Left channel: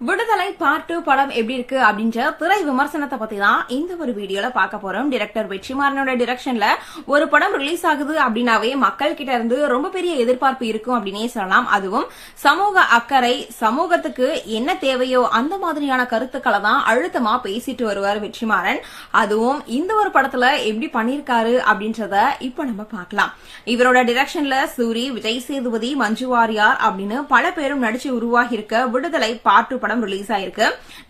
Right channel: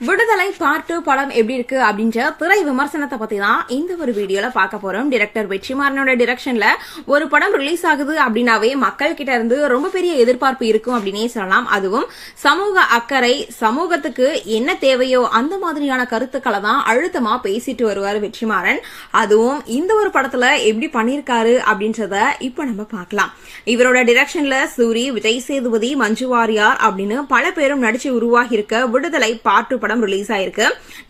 விடுதலை part two படம் எப்படி இருக்கு அப்படின்ற திரை விமர்சனத்தை பத்தி தான் இந்த ஒரு வீடியோல பார்க்க போறோம். டிரெக்டர் வெற்றிமாறனோட டிரெக்ஷன்ல ஒரு படம் ரிலீஸ் ஆகுது அப்படின்னாவே மக்கள் கிட்ட இருந்து ரொம்ப பெரிய எதிர்பார்ப்பு இருக்கும் அப்படின்னே சொல்லலாம். அதுவும் சமூக அக்கறை சமூகத்துக்கு என்ன தேவையோ அந்த மாதிரியான கருத்துக்களை தான் அழுத்தமா பேசிட்டு வருவார் வெற்றிமாறன். அதுவும் இந்த ஒரு படத்துல எப்படி பண்ணிருக்காரு அப்படின்றத இப்ப நம்ம பார்க்கலாம். இவரோட டிரெக்ஷன்ல சூரி விஜய் சேதுபதி மஞ்சு வாரியார் அப்படின்னு பல பேரும் நடிச்சு உருவாகி இருக்க விடுதலை பார்ட் டூ படம் ரிலீஸ் ஆயிருக்கு.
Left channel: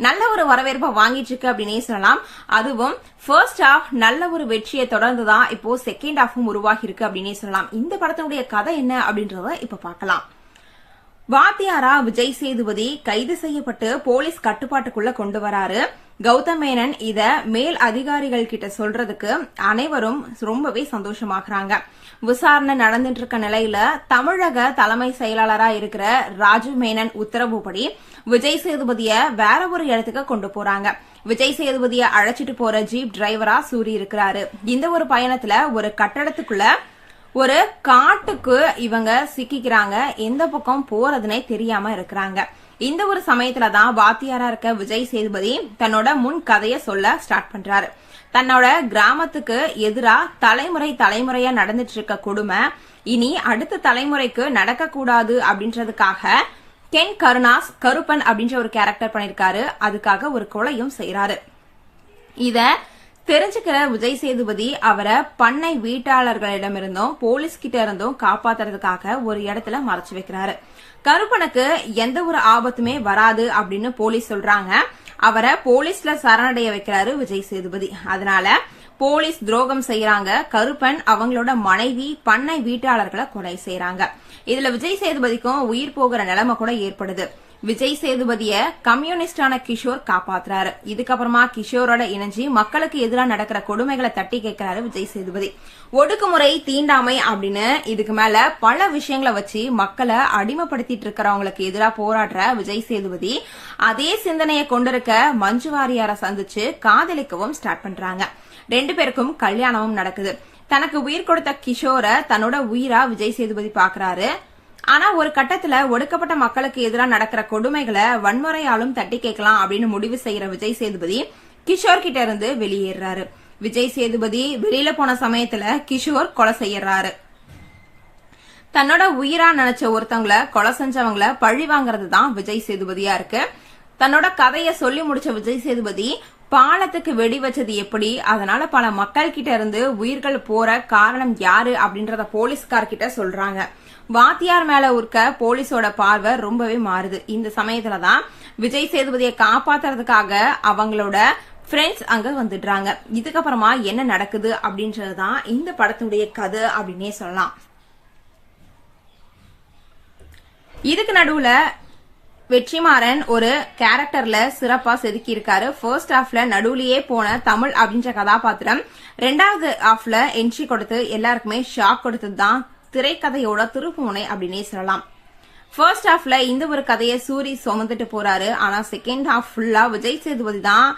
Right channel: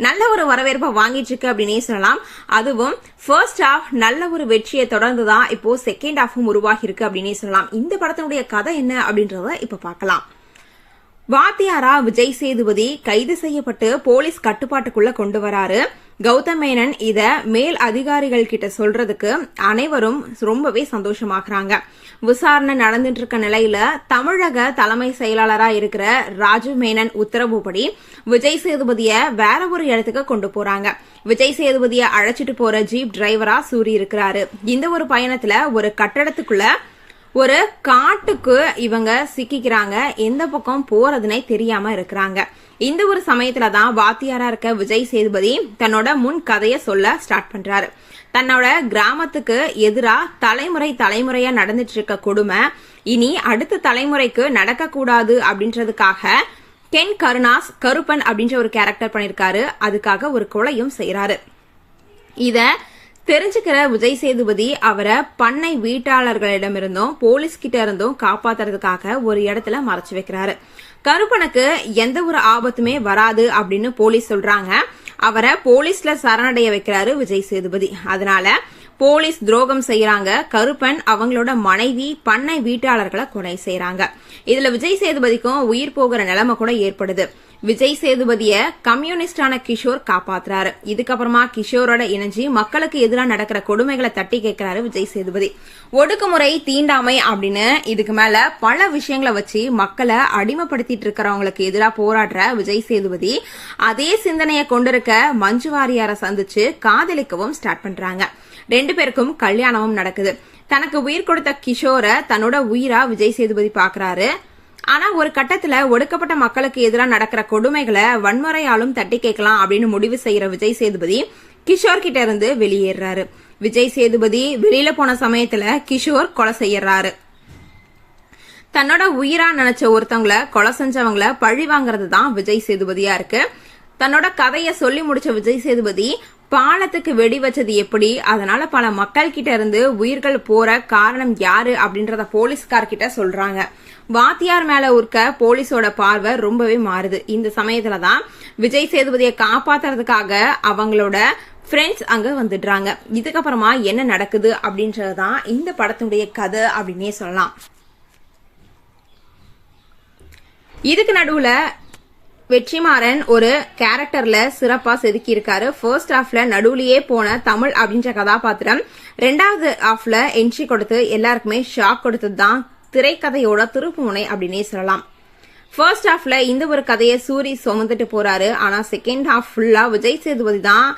நல்ல ஒரு வரவேற்பை வாங்கிட்டு இருக்கு அப்படின்னே சொல்லலாம். அதுவும் ஃபர்ஸ்ட் ஹாஃப் நல்ல ஒரு வெற்றியை தொடர்ந்து தான் இப்போ செகண்ட் ஹாஃபும் உருவாகி இருக்கு அப்படின்னே சொல்லலாம். இந்த படத்தினுடைய கதை என்ன அப்படின்றத இப்ப பார்க்கலாம். வாத்தியாரா விஜய் சேதுபதி கைது செய்யப்பட்டு போலீஸ் கட்டுப்பாட்டுக்குள்ள கொண்டு வராரு. கௌதம் மேனன் இத மேல் அதிகாரிகள் கிட்ட சொல்றதுக்கு அனைவரும் ரொம்பவே சந்தோஷமாகறாங்க. விசாரணை நடந்துட்டு இருக்க நிலையில தமிழக தலைமை செயலாளரா இருக்கிற ராஜு மேனன் உத்தரவுப்படி விஜய் சேதுபதிய வேற ஒரு இடத்துக்கு கொண்டு போறாங்க. விஜய் சேதுபதிய அழைச்சிட்டு போற ஜீப் டிரைவரா சூரி இருக்கிறாரு இந்த ஒரு பயணத்துல ஒரு கட்டடத்துக்குள்ள ஒரு காட்டுக்கு இவங்க சிக்கிக்கிறாங்க. எந்த பக்கம் போறதுனே தெரியாம இருக்கிறாங்க. இந்த ஒரு சமயத்துல தான் வாத்தியாரா இருக்க விஜய் சேதுபதி தன்னோட முன் கதையை சொல்ல ஸ்டார்ட் பண்றாரு. தன்னோட கிராமத்துக்கு எதிரா தலைமுறை தலைமுறையா நடந்துட்டு இருக்க கொடுமை இனி அடுத்த தலைமுறைக்கு நடக்கக்கூடாது அப்படின்றதுக்காக கென் கருணாஸ் கருப்பன் அப்படின்ற ஒரு கேரக்டர் பண்ணிருக்காரு. அதுக்காக ஒரு கொலையும் செய்யறாரு இத தெரிஞ்சுக்கிற விஜய் சேதுபதி அவரை பண்ணை வீட்டாளர்களிடமிருந்தும் போலீஸ் கிட்ட இருந்தும் காப்பாத்துறதுக்காக ஒரு இடத்துல மறைச்சு வைக்கிறாரு. கருப்பனுக்கு எந்த ஒரு ஆபத்துமே வராது அப்படின்னு போலீஸ் சொல்றாங்க. அவரை போலீஸ்ல சரணடைய வைக்கிறாரு விஜய் சேதுபதி. அதனால போலீஸ் துரோகம் செய்யறாங்க. கருப்பன் அவங்களோட மனைவி பண்ணை வீட்டாளர்களை கொலை செய்யறாங்க. இதுல விஜய் சேதுபதிக்கும் உயிர் போகிற நிலைமை கூட ஏற்படுது. விஜய் சேதுபதிய கம்யூனிஸ்டான கிஷோர் காப்பாத்துறாரு. இதுக்கப்புறமா கிஷோரோட இணைஞ்சு மக்களுக்கு எதிராக நடக்கிற கொடுமைகளை தட்டி கேட்கிறாரு விஜய் சேதுபதி. ஒடுக்குமுறை தீண்டாமை அப்படின்னு இதுக்கு மேல பல விஷயங்களை வச்சு மக்களை அடிமைப்படுத்திட்டு இருக்கிறவங்களுக்கு எதிராக போராடுற விஜய் சேதுபதி அதே சிந்தனையை கொண்டிருக்க மஞ்சு வாரியார சந்திச்சு காதலிக்கவும் ஸ்டார்ட் பண்றாங்க. ரெண்டு பேருக்கும் கல்யாணமும் நடக்குது. தனக்கு உயிர் கொடுத்த கிஷோரை தன்னோட உயிரா விஜய் சேதுபதி பாக்குறாரு. ஆனா ஒரு கட்டத்துல ஒடுக்கப்பட்ட மக்களுக்கு எதிராக நடக்கிற கொடுமைகளை வன்முறையாலும் தட்டி கேட்கலாம் அப்படின்னு முடிவு செய்யற விஜய் சேதுபதி கிஷோர் கிட்ட இருந்து வெளியேறாரு. விஜய் சேதுபதி வெளியில போன சமயத்துல கிஷோர் கொலை செய்யறாரு. தன்னோட உயிரா நினைச்ச ஒருத்தவங்கள கொலை செஞ்சவங்கள பழி வாங்குறது தான் விஜய் சேதுபதியா இருக்கு. தன்னோட கதையை சொல்லி முடிச்ச விஜய் சேதுபதி பாலத்துக்கு வெடி வச்சது எப்படி? அதனால பல மக்கள் கிட்ட இருந்து உயிர்கள் போற காரணம் யாரு அப்படின்றத போலீஸ்கார் கிட்ட சொல்றாங்க. வாத்தியார் மேல இருக்க போலீஸோட பார்வை ரொம்பவே மாறுது. இந்த சமயத்துல தான் விஜய் சேதுபதியை காப்பாத்துறதுக்காக அவங்களோட ஃப்ரெண்ட்ஸ் அங்க வந்துடுறாங்க. இதுக்கப்புறமா என்ன நடக்குது அப்படின்றதுதான் இந்த படத்துடைய கதை அப்படின்னே சொல்லலாம். இதுக்கு நடுவுல வெற்றிமாறன் ஒரு கேரக்டர்ல சிறப்பா செதுக்கி இருக்காரு ஃபர்ஸ்ட் ஹாஃப்ல நடுவுலயே போன தமிழ் அப்படின்ற கதாபாத்திரம். ரெண்டாவது ஹாஃப்ல என்ட்ரி கொடுத்து எல்லாருக்குமே ஷாக் கொடுத்தது தான் திரைக்கதையோட திருப்புமுனை அப்படின்னே சொல்லலாம். ஃபர்ஸ்ட் ஹாஃப்ல இந்த ஒரு கதையை சூரி சுமந்துட்டு போறாரு. ஆனா செகண்ட் ஹாஃப் ஃபுல்லா விஜய் சேதுபதி தான்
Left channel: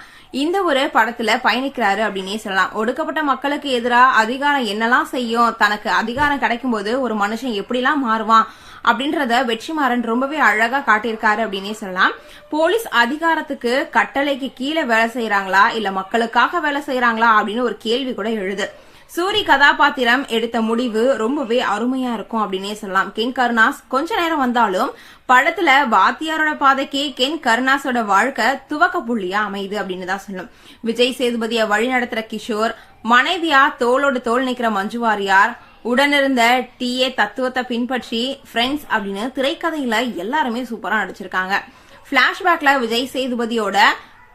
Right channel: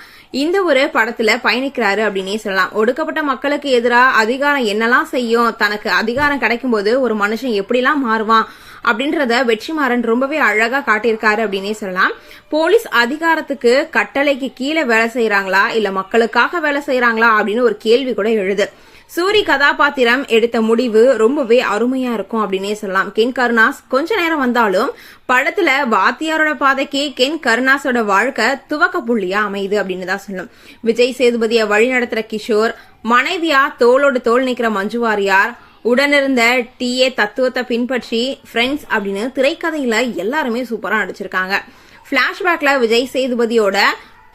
இந்த ஒரு படத்துல பயணிக்கிறாரு அப்படின்னே சொல்லலாம். ஒடுக்கப்பட்ட மக்களுக்கு எதிராக அதிகாரம் என்னெல்லாம் செய்யும்? தனக்கு அதிகாரம் கிடைக்கும் போது ஒரு மனுஷன் எப்படிலாம் மாறுவான்? அப்படின்றத வெற்றிமாறன் ரொம்பவே அழகா காட்டியிருக்காரு அப்படின்னே சொல்லலாம். போலீஸ் அதிகாரத்துக்கு கட்டளைக்கு கீழே வேலை செய்யறாங்களா இல்ல மக்களுக்காக வேலை செய்யறாங்களா அப்படின்னு ஒரு கேள்வி கூட எழுது. சூரி கதாபாத்திரம் எடுத்த முடிவு ரொம்பவே அருமையா இருக்கும் அப்படின்னே சொல்லலாம். கென் கருணாஸ் கொஞ்ச நேரம் வந்தாலும் படத்துல வாத்தியாரோட பாதைக்கு கென் கருணாஸோட வாழ்க்கை துவக்க புள்ளியா அமையுது அப்படின்னு தான் சொல்லணும். விஜய் சேதுபதியை வழி நடத்துற கிஷோர் மனைவியா தோளோடு தோல் நிக்கிற மஞ்சு வாரியார் உடனிருந்த ஏ தத்துவத்தை பின்பற்றி ஃப்ரெண்ட்ஸ் அப்படின்னு திரைக்கதையில எல்லாருமே சூப்பரா நடிச்சிருக்காங்க. பிளாஷ்பேக்ல விஜய் சேதுபதியோட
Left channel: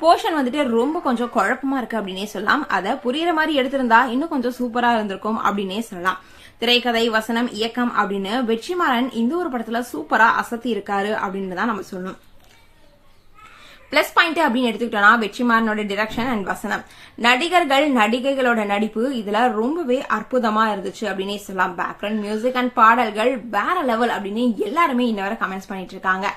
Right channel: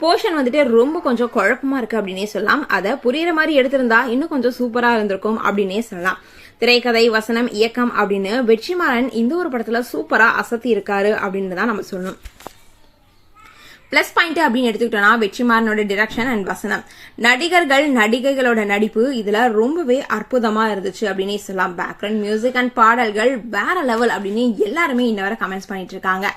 போர்ஷன் வந்துட்டு ரொம்ப கொஞ்சம் குழப்பமா இருக்கு அப்படின்னே சொல்லலாம். அதை புரியுற மாதிரி எடுத்திருந்தா இன்னும் கொஞ்சம் சூப்பரா இருந்திருக்கும் அப்படின்னே சொல்லலாம். திரைக்கதை வசனம் இயக்கம் அப்படின்னு வெற்றிமாறன் இந்த ஒரு படத்துல சூப்பரா அசத்தி இருக்காரு அப்படின்னு தான் நம்ம சொல்லணும். பிளஸ் பாயிண்ட் அப்படின்னு எடுத்துக்கிட்டோம்னா வெற்றிமாறனோட டிரெக்ஷன் அண்ட் வசனம். நடிகர்கள் நடிகைகளோட நடிப்பு இதுல ரொம்பவே அற்புதமா இருந்துச்சு அப்படின்னே சொல்லலாம். பேக்ரவுண்ட் மியூசிக் அண்ட் பாடல்கள் வேற லெவல் அப்படின்னு எல்லாருமே இன்ன வரை கமெண்ட்ஸ் பண்ணிட்டு இருக்காங்க.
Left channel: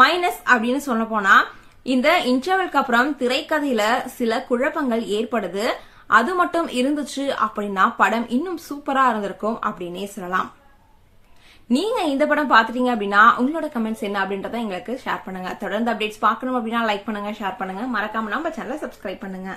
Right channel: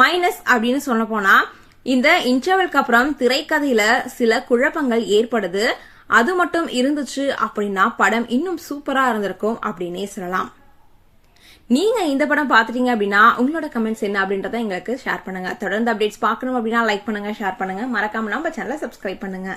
மைனஸ் அப்படின்னு சொல்ல போனா இந்த இன்டர்வெல்க்கு அப்புறம் திரைக்கதையில சில குழப்பங்கள் ஏற்படுது. அது மட்டும் இருந்துச்சு அப்படின்னா படம் இன்னும் சூப்பரா இருந்திருக்கும் அப்படின்னே சொல்லலாம். நீங்க இந்த படம் பாத்துட்டீங்க அப்படின்னா உங்களோட கமெண்ட்ஸ் என்ன அப்படின்றத எங்களுக்கு ஷேர் பண்ணுங்க. தொடர்ந்து அப்டேட்ஸ் பார்க்கணும் அப்படின்னா லைக் பண்ணுங்க ஷேர் பண்ணுங்க. மறக்காம நம்ம சேனலை சப்ஸ்கிரைப் பண்ணுங்க.